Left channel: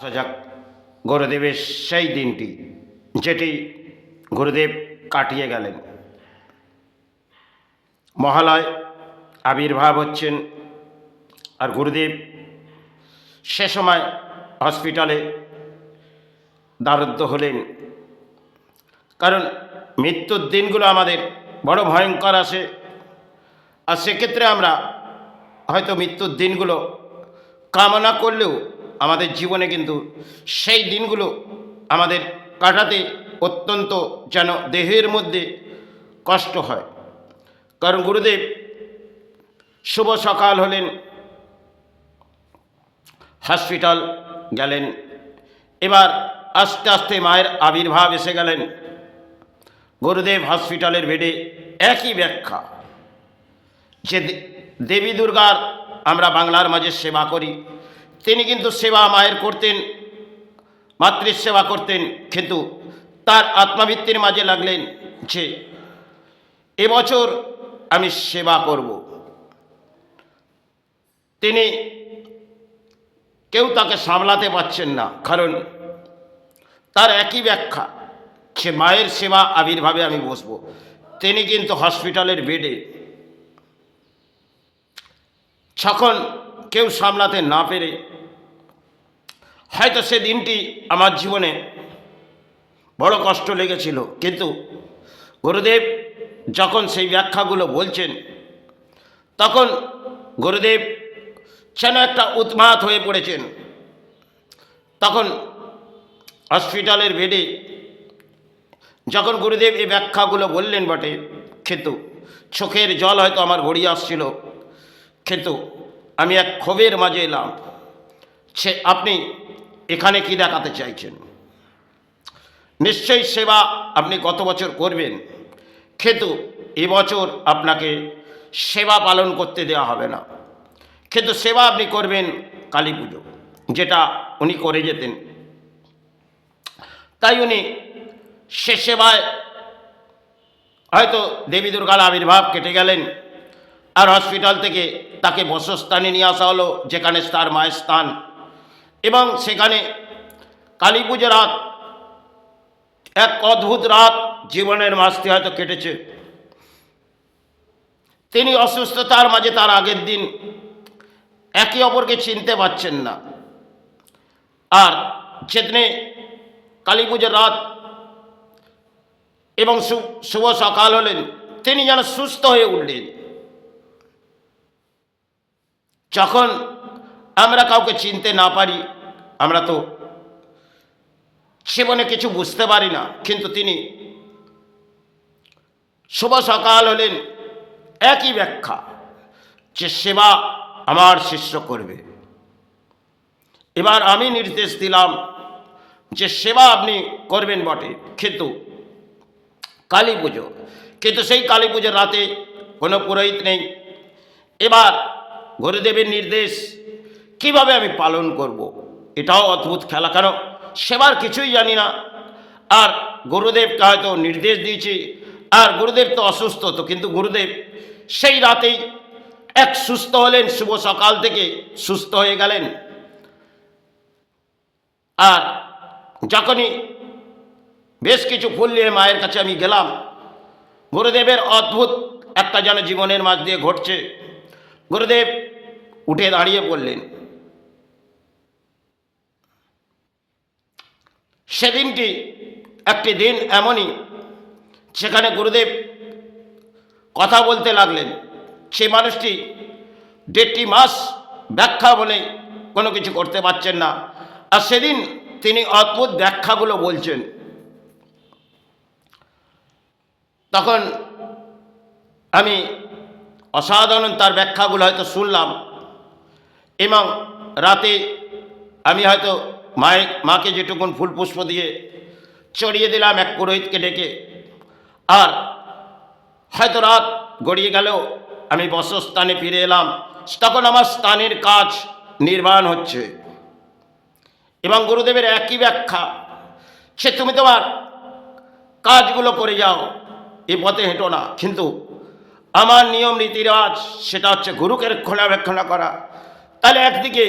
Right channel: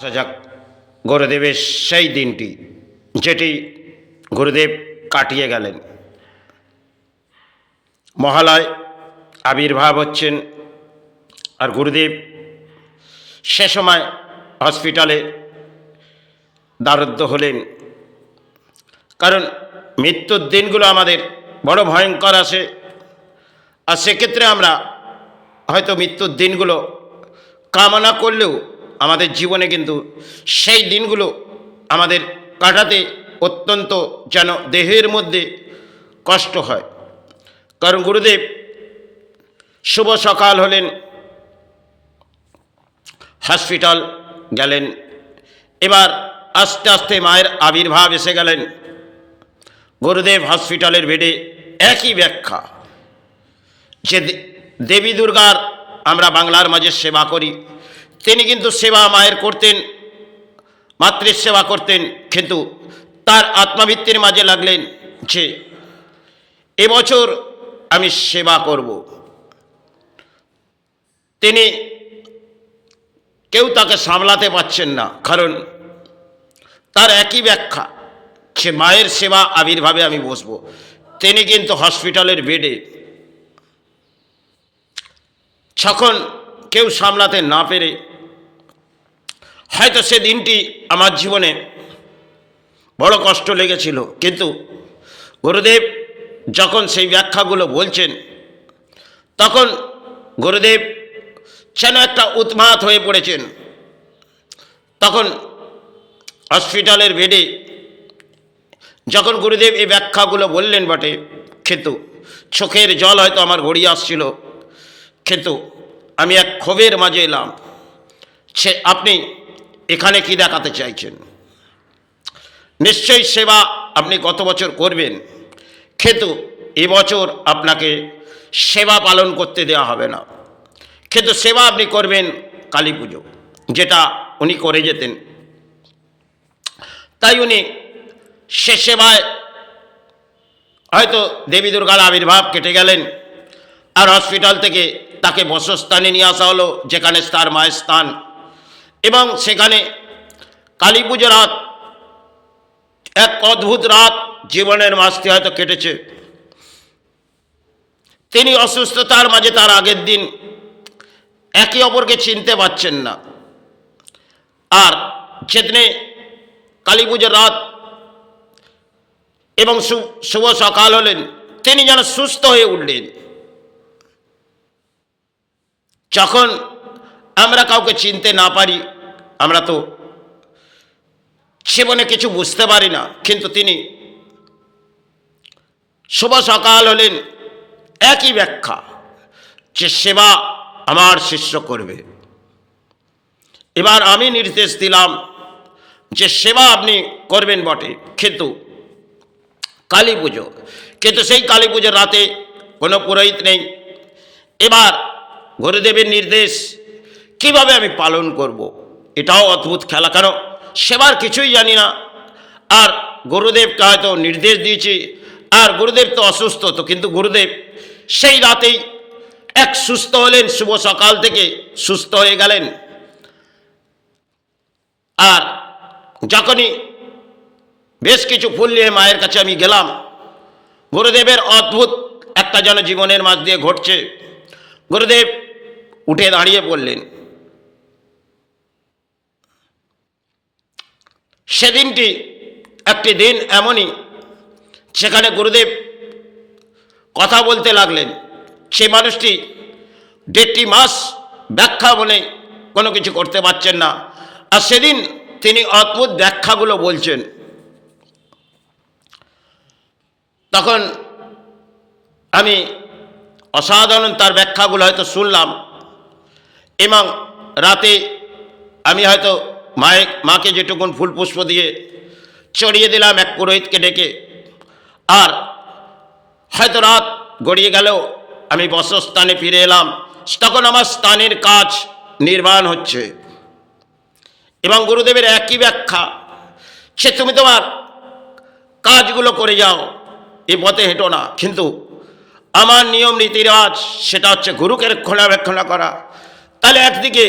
আসা যাক গুরুদেবের সেই দিনটি যেটি গুরুদেব কাটিয়ে গেলেন। মহালয় আবির্ভাব হচ্ছেন, আর গুরুদেব সে সময় হসপিটালে দারুদ্ধ হলেন। কারণ মৃত্যুর দিনগুলো আমাদের বড় ভয়ঙ্কর আসে, আর সেক্ষেত্রে আমরা হয়তো মৃত্যুর দিনগুলো কামনা করলেও আমাদের জীবনে কিন্তু সেই দিনগুলো আমাদের কাটাতে অত্যন্ত যেন দেহের মধ্যে কষ্ট হয়। কারণ গুরুদেব শুভ সকাল হলেন, হসপিটাল গেলেন। এবার আস্তে আস্তে মায়ের আবির্ভাব এসে গেলেন। গুরুদেব হসপিটালের বেডে একই ব্যাখ্যা, যে দেবী দুর্গার আমরা বাংলার মাঝে সেবা করি, তিনি কিন্তু সেবা মায়ের করতেন, মাতৃ সেবা করতেন, কিন্তু তার আত্মাবৃত্তির মাঝে লাগলেন যে এবছর আমি সেবা করব। তিনি কেউ তাকে সামলাতে পারছেন না, কারণ তার একই ব্যাখ্যা, সে মায়ের সেবা আবির্ভাবে আমি বসবো। তিনি কিন্তু হসপিটালের বেডে, যখন কেউ সামলাতে না পেরে, হয়তো সে দিনটি আমার জীবনে বড় কষ্ট লেগেছিল, কিন্তু গুরুদেব যখন সেই ব্যাখ্যাগুলো বলছেন, তখন গুরুদেব যেন একটা উন্মাদ হয়ে পড়েছেন। তখন হসপিটালের বেডে যখন গুরুদেব এই ব্যাখ্যাগুলো বললেন বটে, কিন্তু চোখের জল হয়তো আমার গড়িয়ে আসছিল, কিন্তু আমি এক ক্ষোভের মাঝে এলাম। সে আপনি এখানে কি দেখাতে চাইছেন? নিশ্চয়ই সেবা আপনি গত বছর করবেন, কিন্তু এবছর আপনাকে সেবা পালন করতে দেওয়া হবে না, কিন্তু সেবা আপনি করবেন কালী পুজো, যেটা উনি করে যেতেন। তাই উনি সে সেবায় হয়তো দেবী দুর্গার আবির্ভাব কেটে গেলেন, আর হসপিটাল থেকে তাকে বসস্থানে নিয়ে আসা হলো, যেখানে তার মায়ের স্থান। এবং সেখানে কালী পুজো রাত, এক অদ্ভুত রাত জীবনের মাঝে হয়তো কেটেছে। তিনি অসুস্থতার মাঝে তার আগের দিন একে অপরকে চিনতে পারছেন না, আর যেদিনে কালী পুজোর রাত এবং শুভ সকাল হলেন, তিনি যেন সুস্থ হয়ে উঠলেন। যখন আমরা কাউকে চিনতে না পারি, আমরা তো জীবনে কিছু বুঝতে পারি না, কিন্তু তিনি শুভ সকাল হলেন, একই ব্যাখ্যা, যে সেবা আমার শিষ্য করবে। এবার আমি নির্দেশ দিলাম যে সেবা আপনি করবেন বটে, কিন্তু কালী পুজো, কিন্তু সেই কালী পুজোর রাতে কোনো পুরোহিত নেই। এবার গুরুদেবের নির্দেশ কিভাবে আমি পালন করব, এটাও অদ্ভুত খেলা, কারণ সেবার কিছুই জানি না। আর গুরুদেবকে হয়তো নির্দেশ দিয়েছি, আর গুরুদেব তো অসুস্থ, তো কিন্তু গুরুদেব সেই রাতেই এক সুস্থ হলেন, শুভ সকাল থেকে সুস্থ হয়ে গেলেন। আর যখনই বেশ কিছু ফুল নিয়ে মায়ের কাছে আমি গেলাম, গুরুদেবের অদ্ভুত একটা যেন জীবনের মাঝ দিয়ে ঘটছে। গুরুদেব উঠে দাঁড়িয়ে পড়লেন। সেদিনটি একটি দিন এমনই, সেখানে গুরুদেব কথা বলতে লাগলেন। সে মানুষটি 1.5 মাস ব্যাখ্যা বলে কোনো কিছু করতে পারছেন না, আর সেদিন তিনি অদ্ভুত ব্যাখ্যাগুলো বলছেন। তখন আমি অসাধারণ তার ব্যাখ্যাগুলো হয়তো শুনলাম, এবং রাতে আমি হয়তো মাকে যেটুকুন ফুল পুষ্প দিয়ে চড়িয়ে দিলাম এক পুরোহিতকে ডেকে, আর হয়তো রাত গড়িয়ে গেলেও আমি বসস্থানে ফিরে এলাম। তখন আমার স্থানের কাজ নির্মাণ হচ্ছে, এবং গুরুদেবের একই ব্যাখ্যা, সে তুমি তোমার কাজগুলো করে যাও, এ পথে হেঁটো না, কিন্তু আমার নিয়ম নীতি রেওয়াজ সেটা হচ্ছে গুরুকে রক্ষণাবেক্ষণা করা। তাহলে একদিকে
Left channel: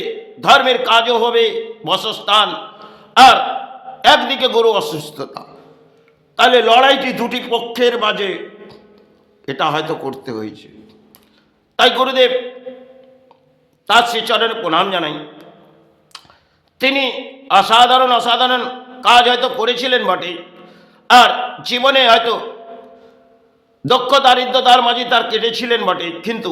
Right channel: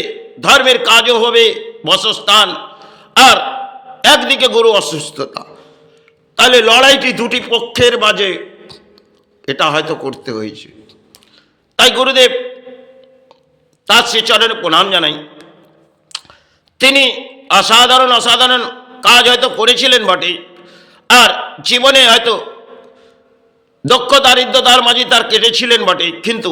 ধর্মের কাজও হবে, বসস্থান, আর একদিকে গুরু অসুস্থতা, তাহলে লড়াইটি দুটি পক্ষের মাঝে এটা হয়তো করতে হয়েছে। তাই গুরুদেব তার শ্রীচরণে প্রণাম জানাই। তিনি অসাধারণ অসাধারণ কাজ হয়তো করেছিলেন বটে, আর জীবনে হয়তো দক্ষ দারিদ্রতার মাঝে তার কেটেছিলেন বটে, কিন্তু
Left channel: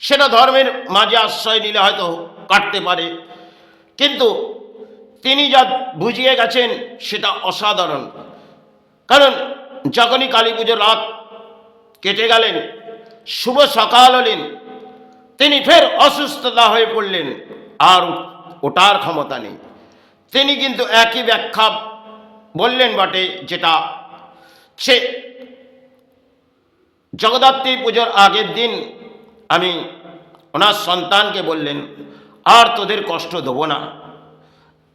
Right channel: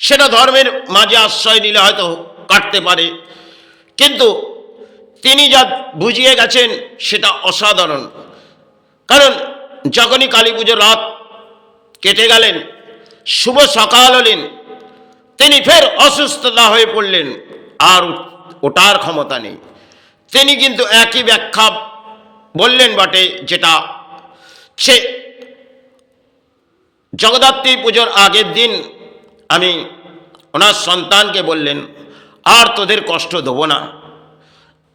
সেটা ধর্মের মাঝে আশ্রয় নিলে হয়তো কাটতে পারে। কিন্তু তিনি যা বুঝিয়ে গেছেন সেটা অসাধারণ। কারণ যখনই কালী পুজোর রাত কেটে গেলেন, শুভ সকাল হলেন, তিনি ফের অসুস্থতা হয়ে পড়লেন, আর ওঠার ক্ষমতা নেই। তিনি কিন্তু একই ব্যাখ্যা বললেন বটে, যেটা সে জগদ্ধাত্রী পুজোর আগের দিন আমি ওনার সন্তানকে বললেন, আর তোদের কষ্ট দেবো না,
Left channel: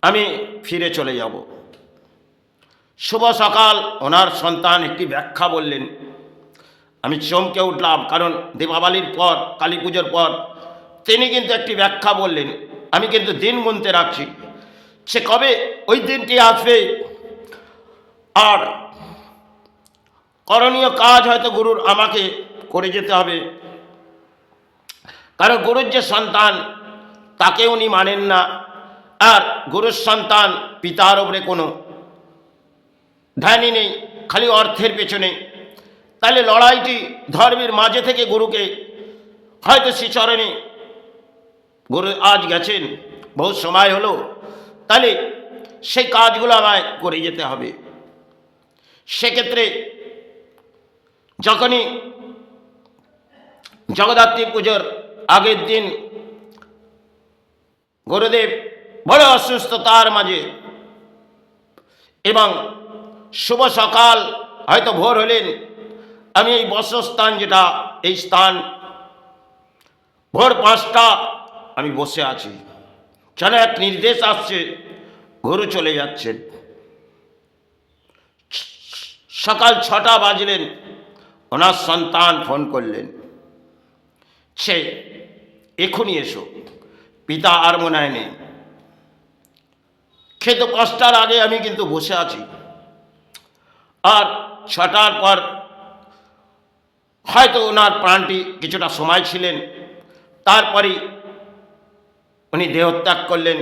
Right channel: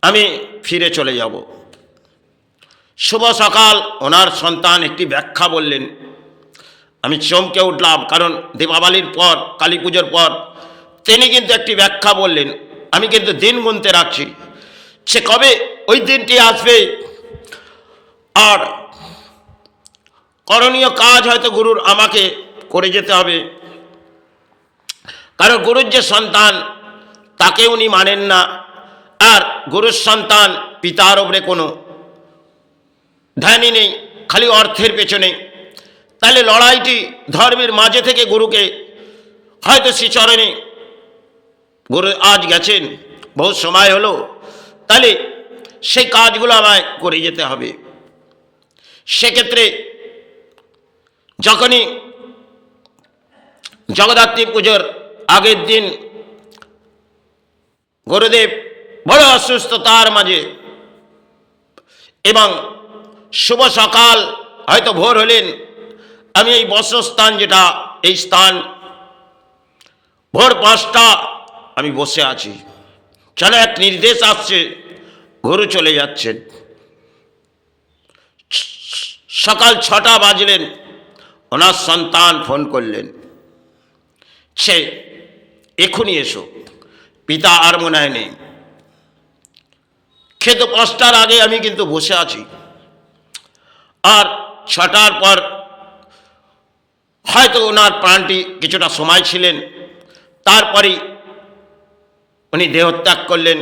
আমি ফিরে চলে যাব। শুভ সকাল ওনার সন্তান একটি ব্যাখ্যা বললেন, আমি চমকে উঠলাম। কারণ দীপাবলির পর, কালী পুজোর পর তিনি কিন্তু একটি ব্যাখ্যা বললেন। আমি কিন্তু দিন গুনতে রাখছি, সে কবে ওই দিনটি আসবে, আর করণীয় কাজ হয়তো গুরুর আমাকে করে যেতে হবে। কারণ গুরুর যে সন্তান তাকে উনি মানেন না, আর গুরুর সন্তান পিতার ওপরে কোনো ধ্যানই নেই, খালি অর্থের পেছনে। তাহলে লড়াইটি ধর্মের মাঝে থেকে গুরুকে হয়তো শ্রীচরণে গুরু আজ গেছেন, বহু সময় হলো, তাহলে সেই কাজগুলো আমায় করে যেতে হবে। সেক্ষেত্রে যখনই জগদ্ধাত্রী পুজোর আগের দিন গুরুদেব বড় অসুস্থতার মাঝে, এবং শুভ সকাল হয়তো ভোর হলেন, আমি এই বসস্থান যেটা এই স্থান, ভোর 5টা আমি বসে আছি, যেন এক নির্দেশ আসছে, গুরু চলে যাচ্ছেন। সকাল 6টা বাজলেন, ওনার সন্তান ফোন করলেন, সে এখনই এসো, পিতা আর মনে হয় নেই। খেতে 5টার আগে আমি কিন্তু বসে আছি, আর 6টার পর হয়তো ওনার প্রাণটি কিছুটা সময় ছিলেন, তারপরেই উনি দেহত্যাগ করলেন,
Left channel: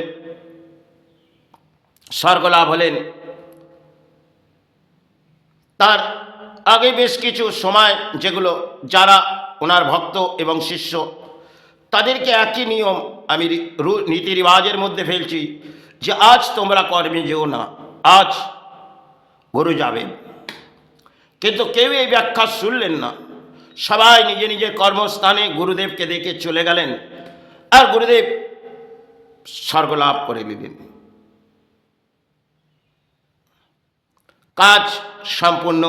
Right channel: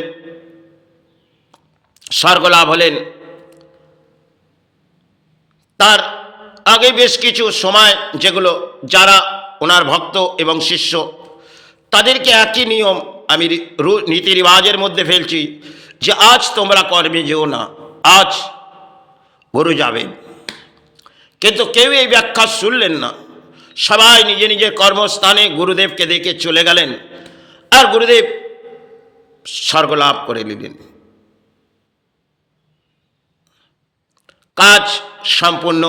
স্বর্গলাভ হলেন। তার আগে বেশ কিছু সময় যেগুলো যারা ওনার ভক্ত এবং শিষ্য, তাদেরকে একই নিয়ম আমি নীতি রিবাজের মধ্যে ফেলছি, যে আজ তোমরা কর্মে যেও না, আজ গুরু যাবেন। কিন্তু কেউ এই ব্যাখ্যা শুনলেন না, সবাই নিজে নিজের কর্মস্থানে গুরুদেবকে দেখে চলে গেলেন, আর গুরুদেব স্বর্গলাভ করে নিলেন। কাজ সম্পূর্ণ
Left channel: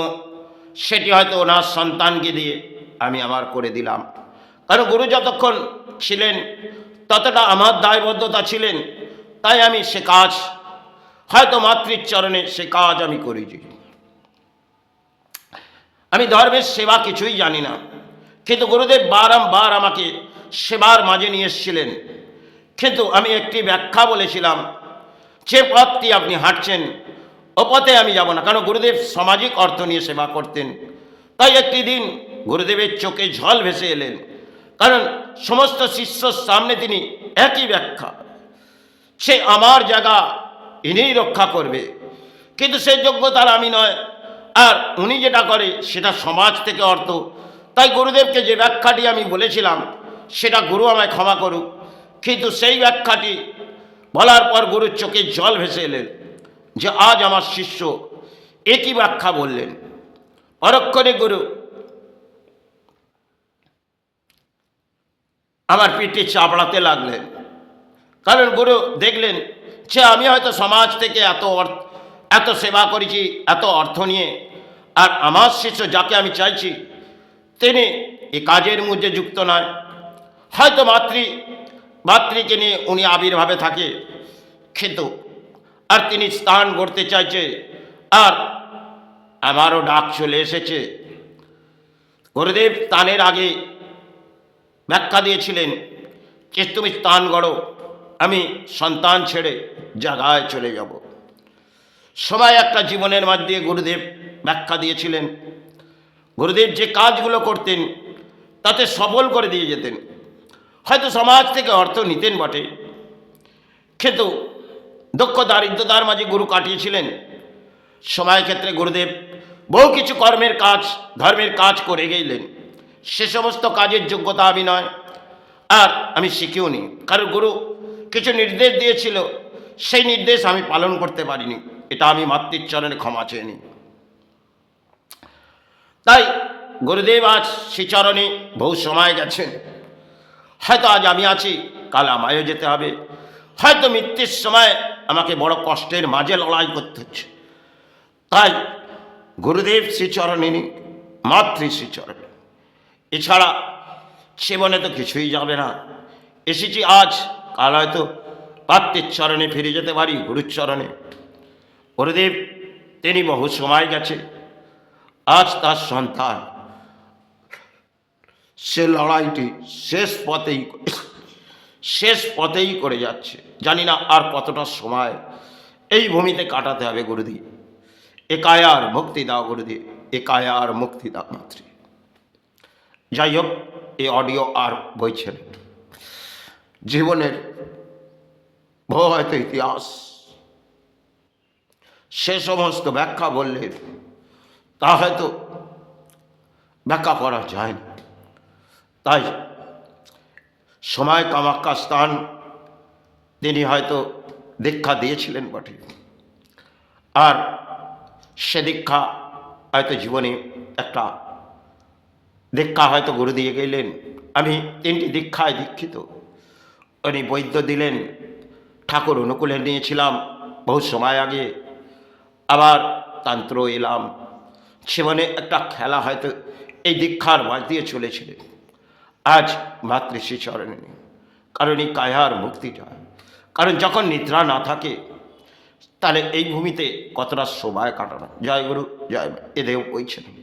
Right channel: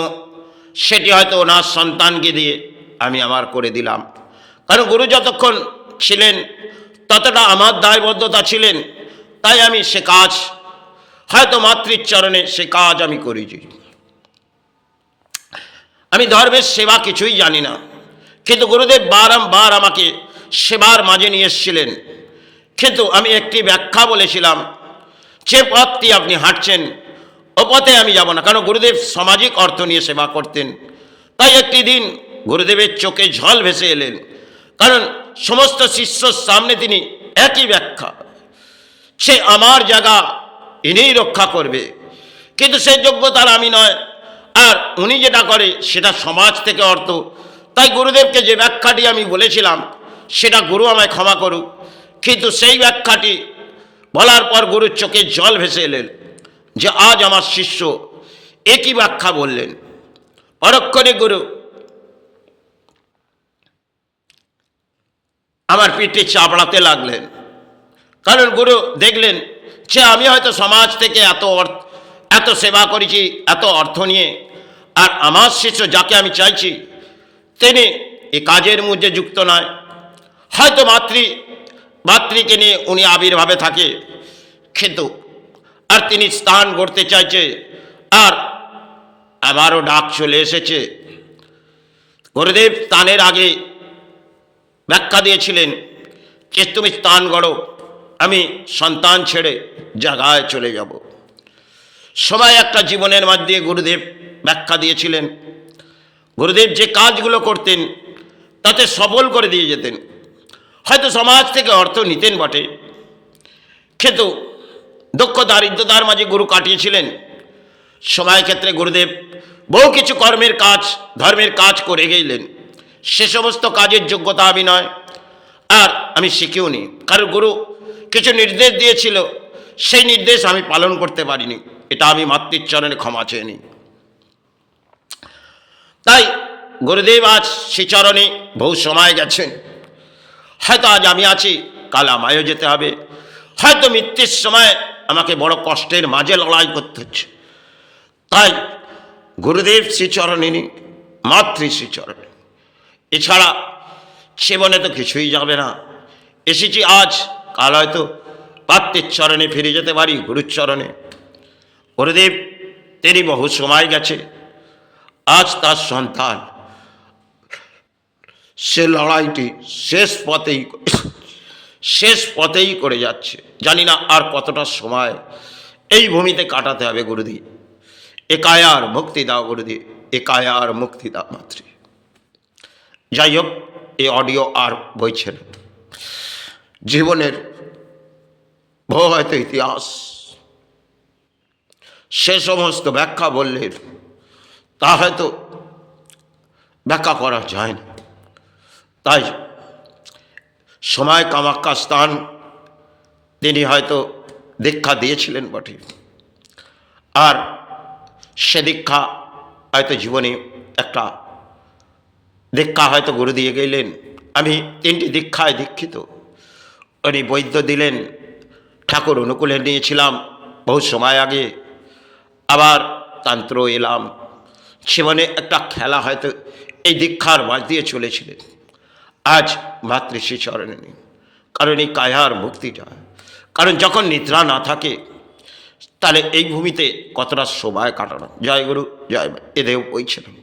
সেটি হয়তো ওনার সন্তানকে দিয়ে আমি আমার করে দিলাম। কারণ গুরু যতক্ষণ ছিলেন ততটা আমার দায়বদ্ধতা ছিলেন, তাই আমি সে কাজ হয়তো মাতৃচরণে সে কাজ আমি করেছি। আমি ধর্মের সেবা কিছুই জানি না, কিন্তু গুরুদেব বারংবার আমাকে সেবার মাঝে নিয়ে এসেছিলেন। কিন্তু আমি একটি ব্যাখ্যা বলেছিলাম, যে পথটি আপনি হাঁটছেন ও পথে আমি যাব না। কারণ গুরুদেব সামাজিক অর্থ নিয়ে সেবা করতেন। তাই একটি দিন গুরুদেবের চোখে জল ভেসে এলেন, কারণ সমস্ত শিষ্যর সামনে তিনি একই ব্যাখ্যা, সে আমার জায়গা ইনিই রক্ষা করবে, কিন্তু সে যোগ্যতার আমি নয়, আর উনি যেটা করে সেটা সমাজ থেকে অর্থ। তাই গুরুদেবকে যে ব্যাখ্যাটি আমি বলেছিলাম সেটা গুরু আমায় ক্ষমা করুক, কিন্তু সেই ব্যাখ্যাটি বলার পর গুরুর চোখে জল ভেসে এলেন, যে আজ আমার শিষ্য একই ব্যাখ্যা বললেন। পরক্ষণে গুরু আমার পিঠে চাপড়াতে লাগলেন, কারণ গুরু দেখলেন যে আমি হয়তো সমাজ থেকে এত সেবা করেছি, এত অর্থ নিয়ে, আর আমার শিষ্য যাকে আমি চাইছি তিনি এই কাজের মধ্যে যুক্ত নয়। হয়তো মাতৃকে নিয়ে উনি আবির্ভাবে থাকে, কিন্তু আর তিনি স্থান গড়তে চাইছে, আর আমারও ডাক চলে এসেছে। গুরুদেব স্থানের আগে ব্যাখ্যা দিয়েছিলেন যে তুমি স্থান গড়ো, আমি সন্তান ছেড়ে জায়গায় চলে যাব। সময় একটা জীবনের মধ্যে গুরুদেব ব্যাখ্যা দিয়েছিলেন। গুরুদেব যে কাজগুলো করতেন তাতে সফল করে দিয়ে যেতেন। হয়তো সমাজ থেকে অর্থ নিতেন বটে, কিন্তু দুঃখ দারিদ্রতার মাঝে গুরু কাটিয়েছিলেন। সময় ক্ষেত্রে গুরুদেব বহু কিছু কর্মের কাজ, ধর্মের কাজ করে গেলেন। সে সমস্ত কাজের যোগ্যতা আমি নয়, আর আমি শিখেও নি, কারণ গুরু কিছু নির্দেশ দিয়েছিল, সেই নির্দেশ আমি পালন করতে পারিনি। এটা আমি মাতৃর চরণে ক্ষমা চেয়ে নিই। তাই গুরুদেব আজ শ্রীচরণে বহু সময় গেছেন। হয়তো আজ আমি আছি, কাল আমায়ও যেতে হবে। হয়তো মৃত্যুর সময় আমাকে বড় কষ্টের মাঝে লড়াই করতে হচ্ছে। তাই গুরুদেব শ্রীচরণে নি, মাতৃ শ্রীচরণে। এছাড়া জীবনে তো কিছুই যাবে না। এসেছি আজ, কাল হয়তো পাত্রের চরণে ফিরে যেতে পারি, গুরুর চরণে। গুরুদেব তিনি বহু সময় গেছে, আজ তার সন্তান সে লড়াইটি শেষ পথেই করে যাচ্ছে। জানি না আর কতটা সময় এই ভূমিতে কাটাতে হবে। গুরুদেব একায়ার মুক্তি দাও, গুরুদেব একায়ার মুক্তি দাও মাতৃ। যাই হোক, এই অডিও আর বইছে না। জীবনের বহু হয়তো ইতিহাস, সে সমস্ত ব্যাখ্যা বললে তা হয়তো ব্যাখ্যা করা যায় না। তাই সময় কামাখ্যা স্থান তিনি হয়তো দীক্ষা দিয়েছিলেন বটে, আর সে দীক্ষা হয়তো জীবনে একটা দীক্ষা হয়তো গুরু দিয়ে গেলেন। আমি 3টি দীক্ষায় দীক্ষিত। উনি বৈদ্য দিলেন, ঠাকুর অনুকূলে নিয়েছিলাম বহু সময় আগে, আবার তন্ত্র এলাম। জীবনে একটা খেলা হয়তো এই দীক্ষার মাঝ দিয়ে চলেছিলেন। আজ মাতৃশ্রী চরণে নেই, কারণ এই কায়ার মুক্তিটা, কারণ যখন নিদ্রা না থাকে তাহলে এই ভূমিতে কতটা সময় কাটানো। জয় গুরু, জয় মা। এদেও বইছিলাম।